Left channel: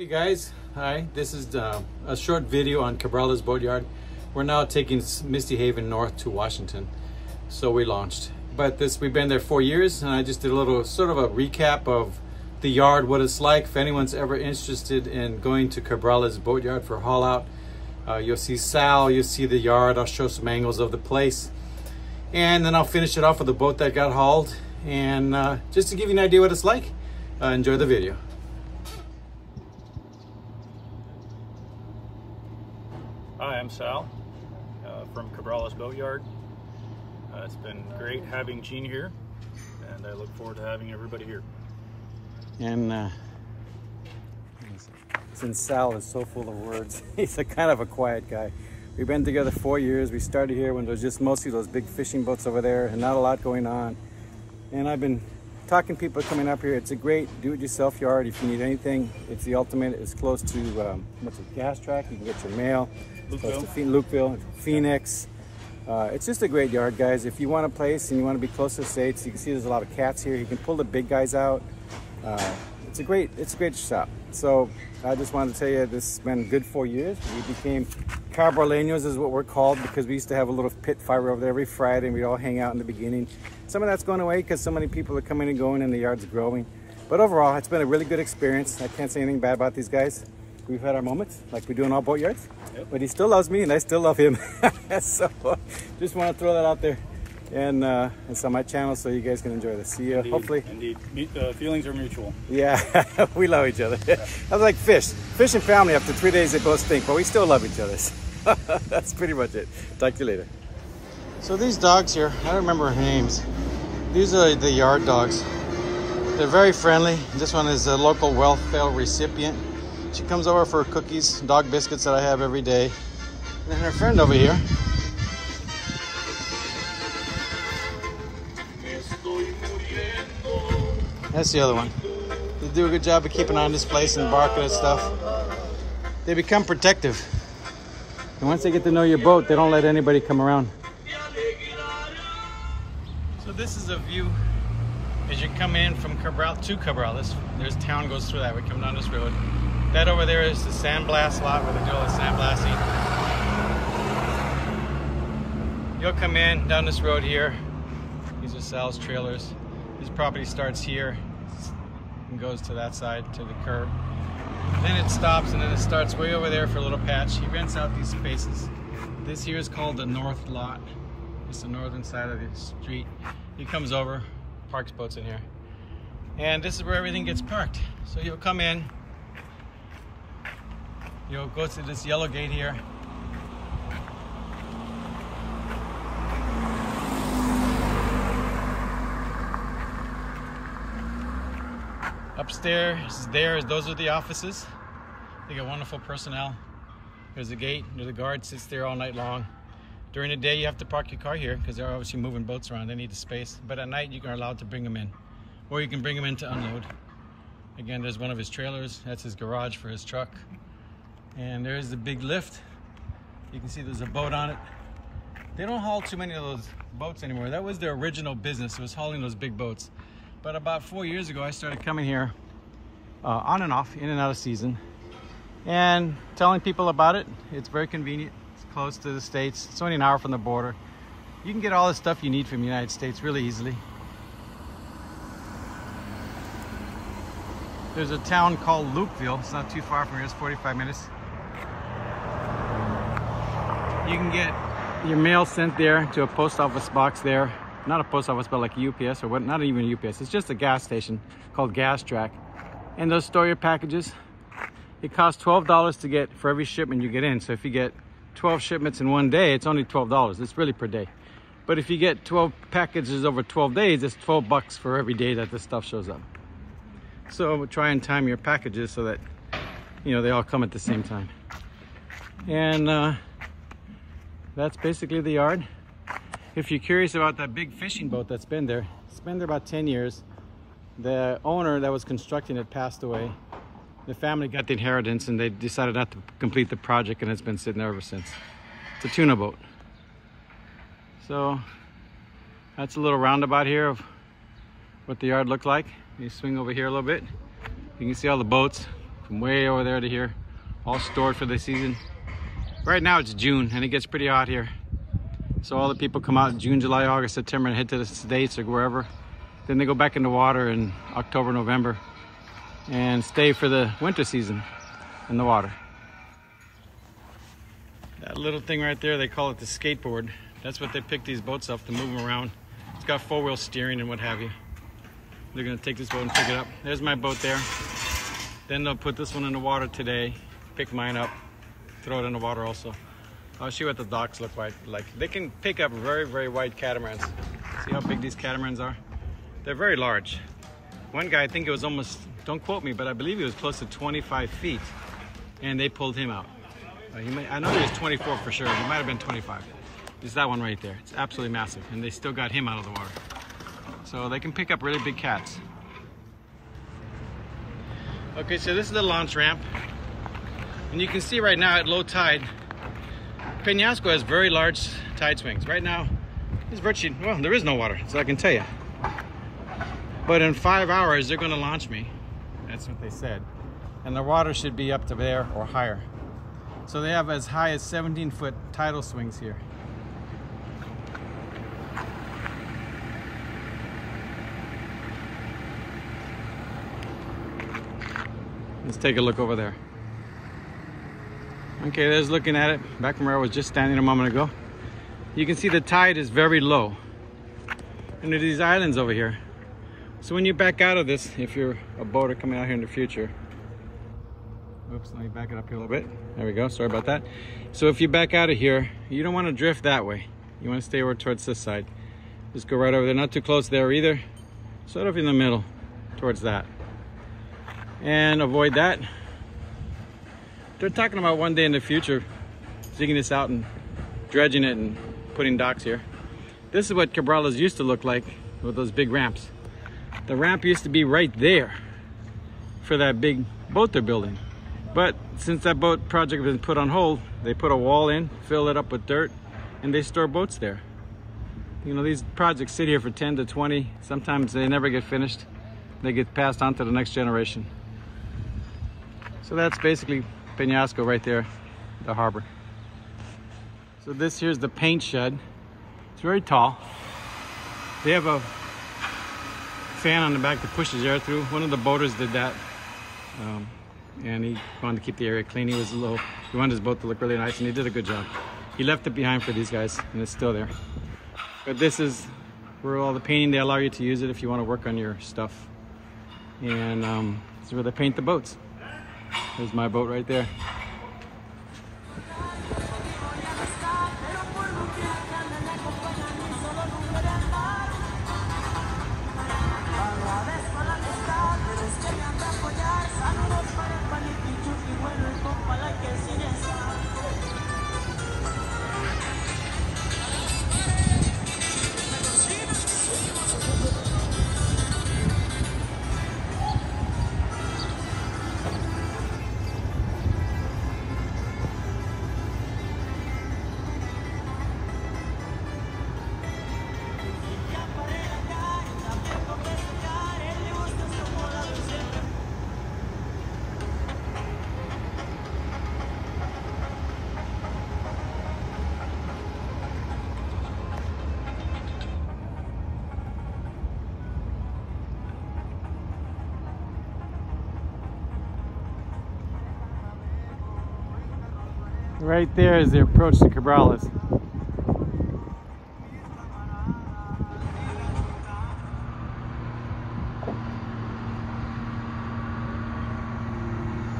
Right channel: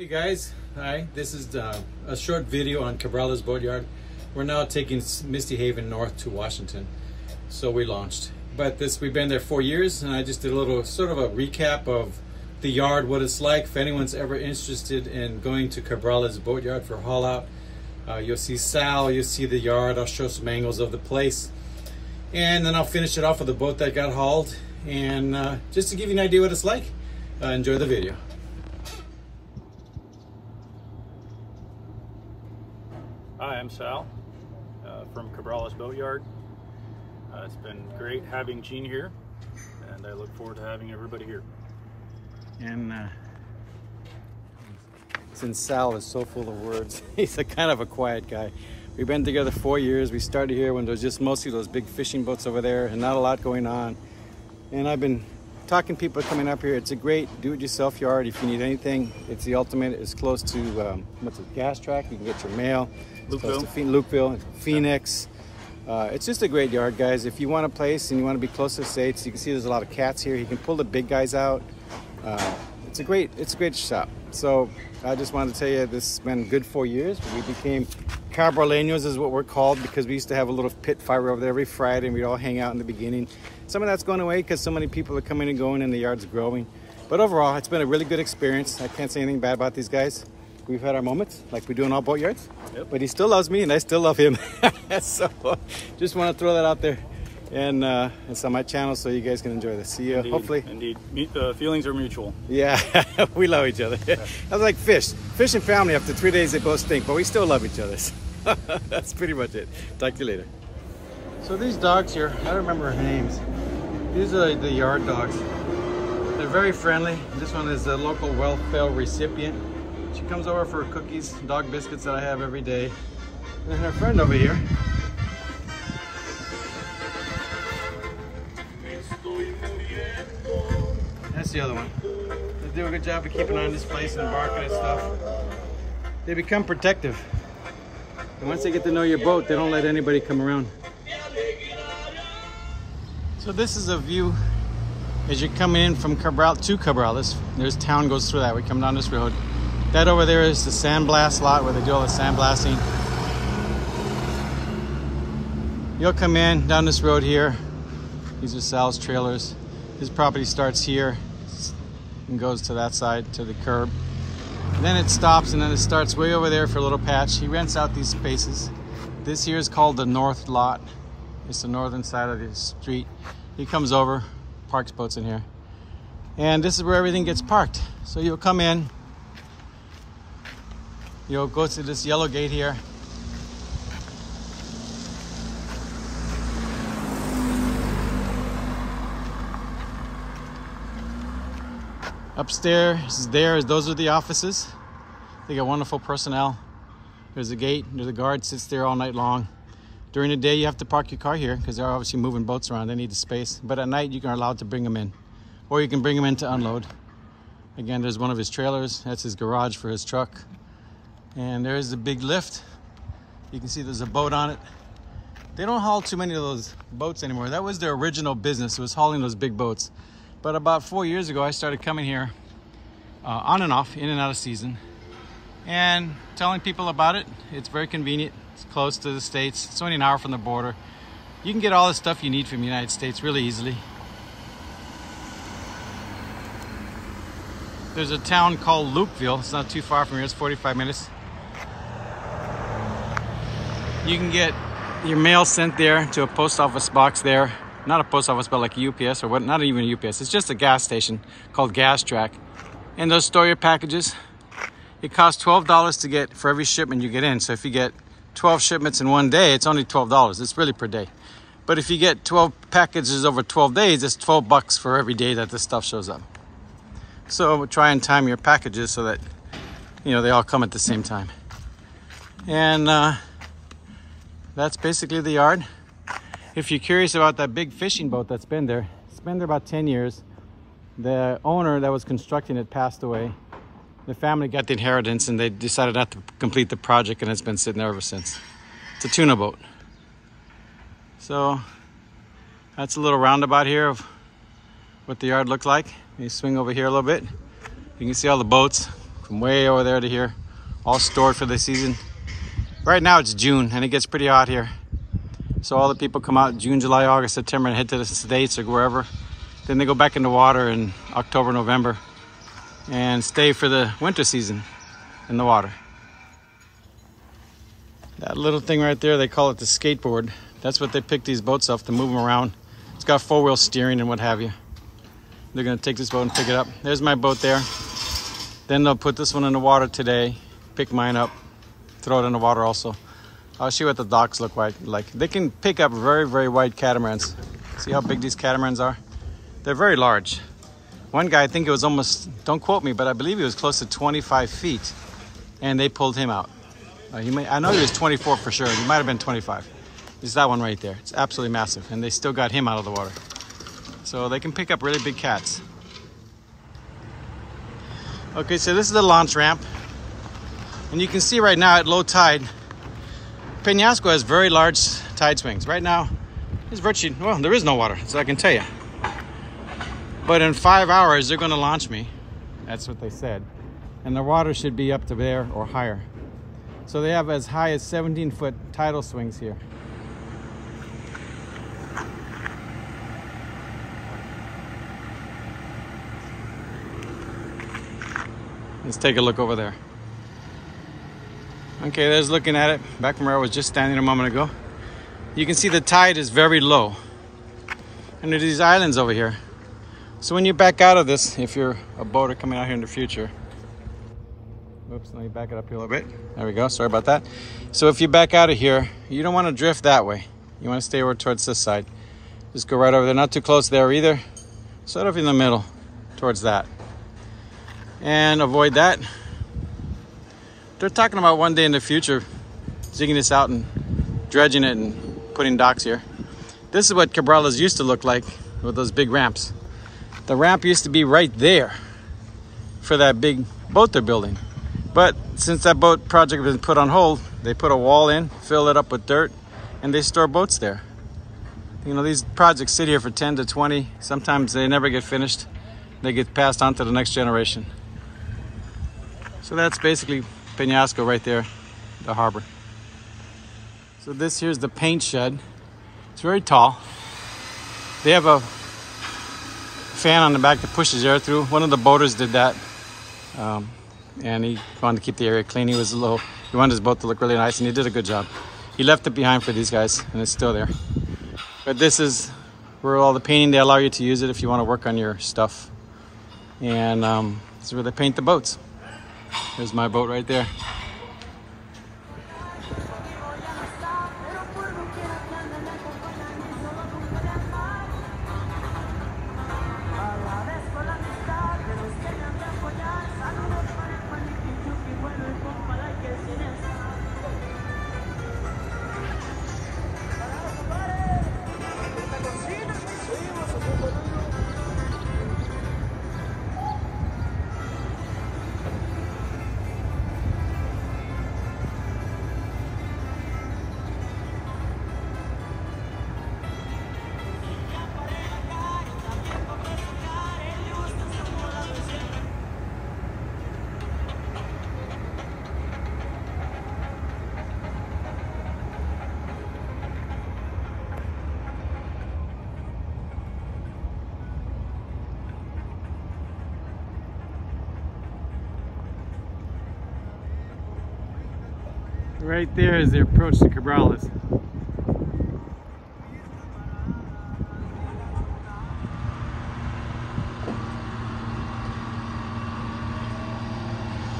Hey guys, hi. This is a short video on Cabrales Boatyard. We're now taking Misty Haven north to Washington, so we launched. But we've been there 4 years, and I just did a little sort of a recap of the yard, what it's like. If anyone's ever interested in going to Cabrales Boatyard for haul out, you'll see Sal, you'll see the yard. I'll show some angles of the place, and then I'll finish it off with the boat that got hauled, and just to give you an idea what it's like. Enjoy the video. Hi, I'm Sal from Cabrales Boatyard. It's been great having Gene here, and I look forward to having everybody here. And since Sal is so full of words, he's a kind of a quiet guy. We've been together 4 years. We started here when there was just mostly those big fishing boats over there and not a lot going on. And I've been talking to people coming up here. It's a great do-it-yourself yard. If you need anything, it's the ultimate. It's close to what's it, Gas Track. You can get your mail. It's close to Lukeville, Phoenix. It's just a great yard, guys. If you want a place and you want to be close to the States, you can see there's a lot of cats here. You can pull the big guys out. It's a great shop. So I just wanted to tell you this has been good 4 years. We became Cabraleños is what we're called, because we used to have a little pit fire over there every Friday, and we'd all hang out in the beginning. Some of that's going away because so many people are coming and going and the yard's growing. But overall, it's been a really good experience. I can't say anything bad about these guys. We've had our moments, like we do in all boatyards. Yep. But he still loves me and I still love him. So just want to throw that out there. And it's on my channel, so you guys can enjoy this. See you, Indeed, hopefully. Indeed, feelings are mutual. Yeah, we love each other. Yeah. I was like fish and family. After 3 days, they both stink, but we still love each other. That's pretty much it. Talk to you later. So these dogs here, I don't remember her names. These are the yard dogs. They're very friendly. This one is a local welfare recipient. She comes over for cookies, dog biscuits that I have every day. And then her friend over here. That's the other one. They do a good job of keeping on this place and barking and stuff. They become protective. And once they get to know your boat, they don't let anybody come around. So this is a view as you're coming in from Cabrales to Cabrales. There's town goes through that. We come down this road. That over there is the sandblast lot where they do all the sandblasting. You'll come in down this road here. These are Sal's trailers. His property starts here and goes to that side, to the curb. And then it stops, and then it starts way over there for a little patch. He rents out these spaces. This here is called the north lot. It's the northern side of the street. He comes over, parks boats in here. And this is where everything gets parked. So you'll come in, you'll go to this yellow gate here. Upstairs, those are the offices. They got wonderful personnel. There's a gate, there's a guard sits there all night long. During the day, you have to park your car here because they're obviously moving boats around. They need the space. But at night, you are allowed to bring them in. Or you can bring them in to unload. Again, there's one of his trailers. That's his garage for his truck. And there's the big lift. You can see there's a boat on it. They don't haul too many of those boats anymore. That was their original business. It was hauling those big boats. But about 4 years ago, I started coming here on and off, in and out of season, and telling people about it. It's very convenient. It's close to the States. It's only an hour from the border. You can get all the stuff you need from the United States really easily. There's a town called Lukeville. It's not too far from here. It's 45 minutes. You can get your mail sent there to a post office box there. Not a post office, but like a UPS or what? Not even a UPS. It's just a gas station called Gas Track. And they'll store your packages. It costs $12 to get for every shipment you get in. So if you get 12 shipments in one day, it's only $12. It's really per day. But if you get 12 packages over 12 days, it's $12 for every day that this stuff shows up. So try and time your packages so that, you know, they all come at the same time. And that's basically the yard. If you're curious about that big fishing boat that's been there, it's been there about 10 years. The owner that was constructing it passed away. The family got the inheritance and they decided not to complete the project, and it's been sitting there ever since. It's a tuna boat. So that's a little roundabout here of what the yard looked like. You swing over here a little bit. You can see all the boats. from way over there to here, all stored for the season. Right now it's June and it gets pretty hot here. So all the people come out June, July, August, September and head to the States or wherever. Then they go back in the water in October, November and stay for the winter season in the water. That little thing right there, they call it the skateboard. That's what they pick these boats up to move them around. It's got four-wheel steering and what have you. They're gonna take this boat and pick it up. There's my boat there. Then they'll put this one in the water today, pick mine up, throw it in the water also. I'll show you what the docks look like. They can pick up very, very wide catamarans. See how big these catamarans are? They're very large. One guy, I think it was almost, don't quote me, but I believe he was close to 25 feet and they pulled him out. I know he was 24 for sure. He might have been 25. It's that one right there. It's absolutely massive and they still got him out of the water. So they can pick up really big cats. Okay, so this is the launch ramp. And you can see right now at low tide, Penasco has very large tide swings. Right now, there's virtually, well, there is no water, so I can tell you. But in 5 hours, they're gonna launch me. That's what they said. And the water should be up to there or higher. So they have as high as 17-foot tidal swings here. Let's take a look over there. Okay, there's looking at it, back from where I was just standing a moment ago. You can see the tide is very low. And there's these islands over here. So when you back out of this, if you're a boater coming out here in the future, oops, let me back it up here a little bit. There we go, sorry about that. So if you back out of here, you don't want to drift that way. You want to stay over towards this side. Just go right over there, not too close there either. Sort of in the middle, towards that. And avoid that. They're talking about one day in the future digging this out and dredging it and putting docks here. This is what Cabrales used to look like with those big ramps. The ramp used to be right there for that big boat they're building. But since that boat project has been put on hold, they put a wall in, fill it up with dirt, and they store boats there. You know, these projects sit here for 10 to 20. Sometimes they never get finished. They get passed on to the next generation. So that's basically Penasco right there, the harbor. So this here's the paint shed. It's very tall. They have a fan on the back that pushes air through. One of the boaters did that. And he wanted to keep the area clean. He wanted his boat to look really nice and he did a good job. He left it behind for these guys and it's still there. But this is where all the painting, they allow you to use it if you want to work on your stuff. And this is where they paint the boats. There's my boat right there. Right there is the approach to Cabrales.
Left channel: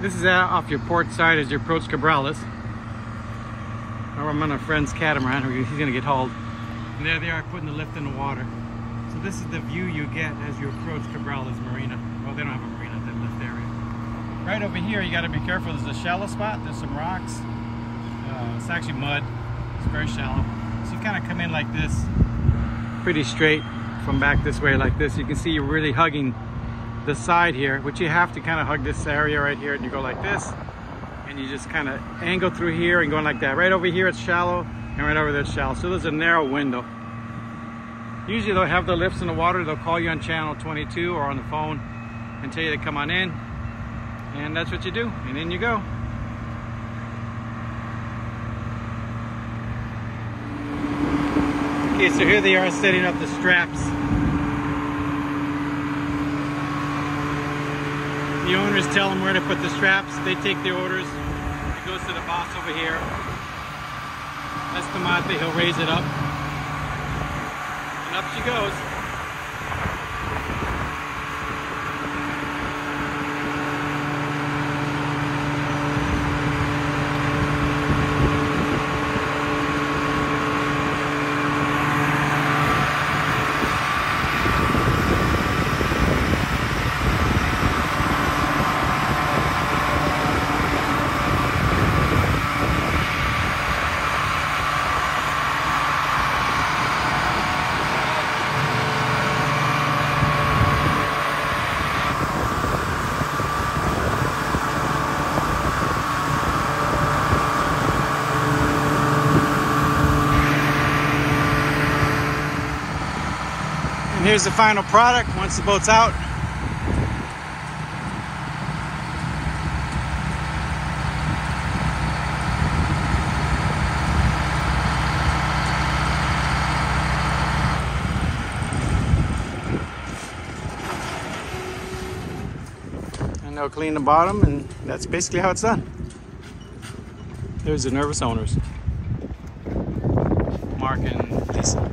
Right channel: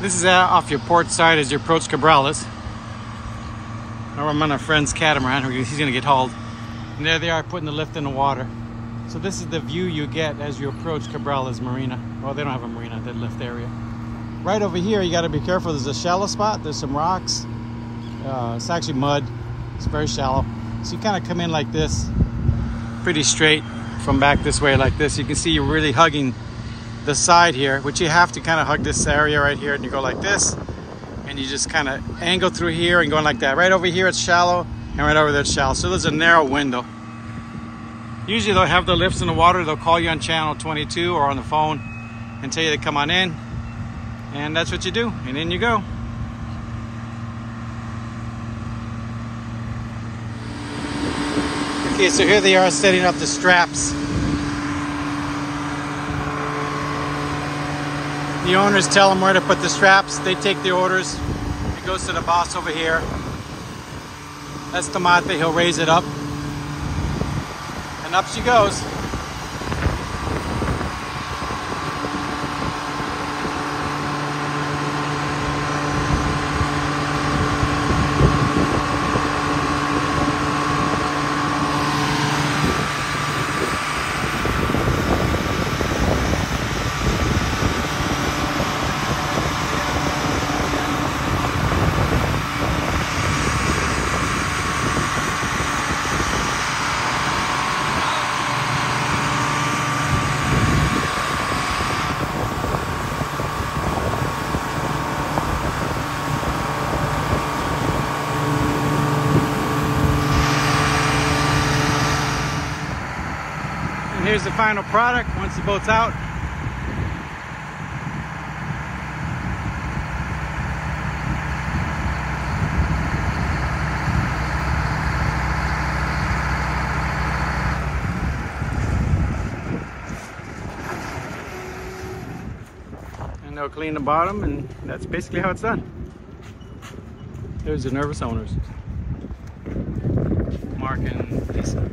This is off your port side as you approach Cabrales. I'm on a friend's catamaran. He's gonna get hauled. And there they are putting the lift in the water. So this is the view you get as you approach Cabrales Marina. Well, they don't have a marina, they lift area. Right over here, you gotta be careful. There's a shallow spot, there's some rocks. It's actually mud, it's very shallow. So you kind of come in like this, pretty straight from back this way like this. You can see you're really hugging the side here, which you have to kind of hug this area right here, and you go like this, and you just kind of angle through here and going like that. Right over here it's shallow, and right over there it's shallow. So there's a narrow window. Usually they'll have the lifts in the water, they'll call you on channel 22 or on the phone and tell you to come on in. And that's what you do, and in you go. Okay, so here they are setting up the straps. The owners tell them where to put the straps. They take the orders. It goes to the boss over here. That's Tomate. He'll raise it up. And up she goes. And here's the final product once the boat's out. And they'll clean the bottom, and that's basically how it's done. There's the nervous owners, Mark and Lisa.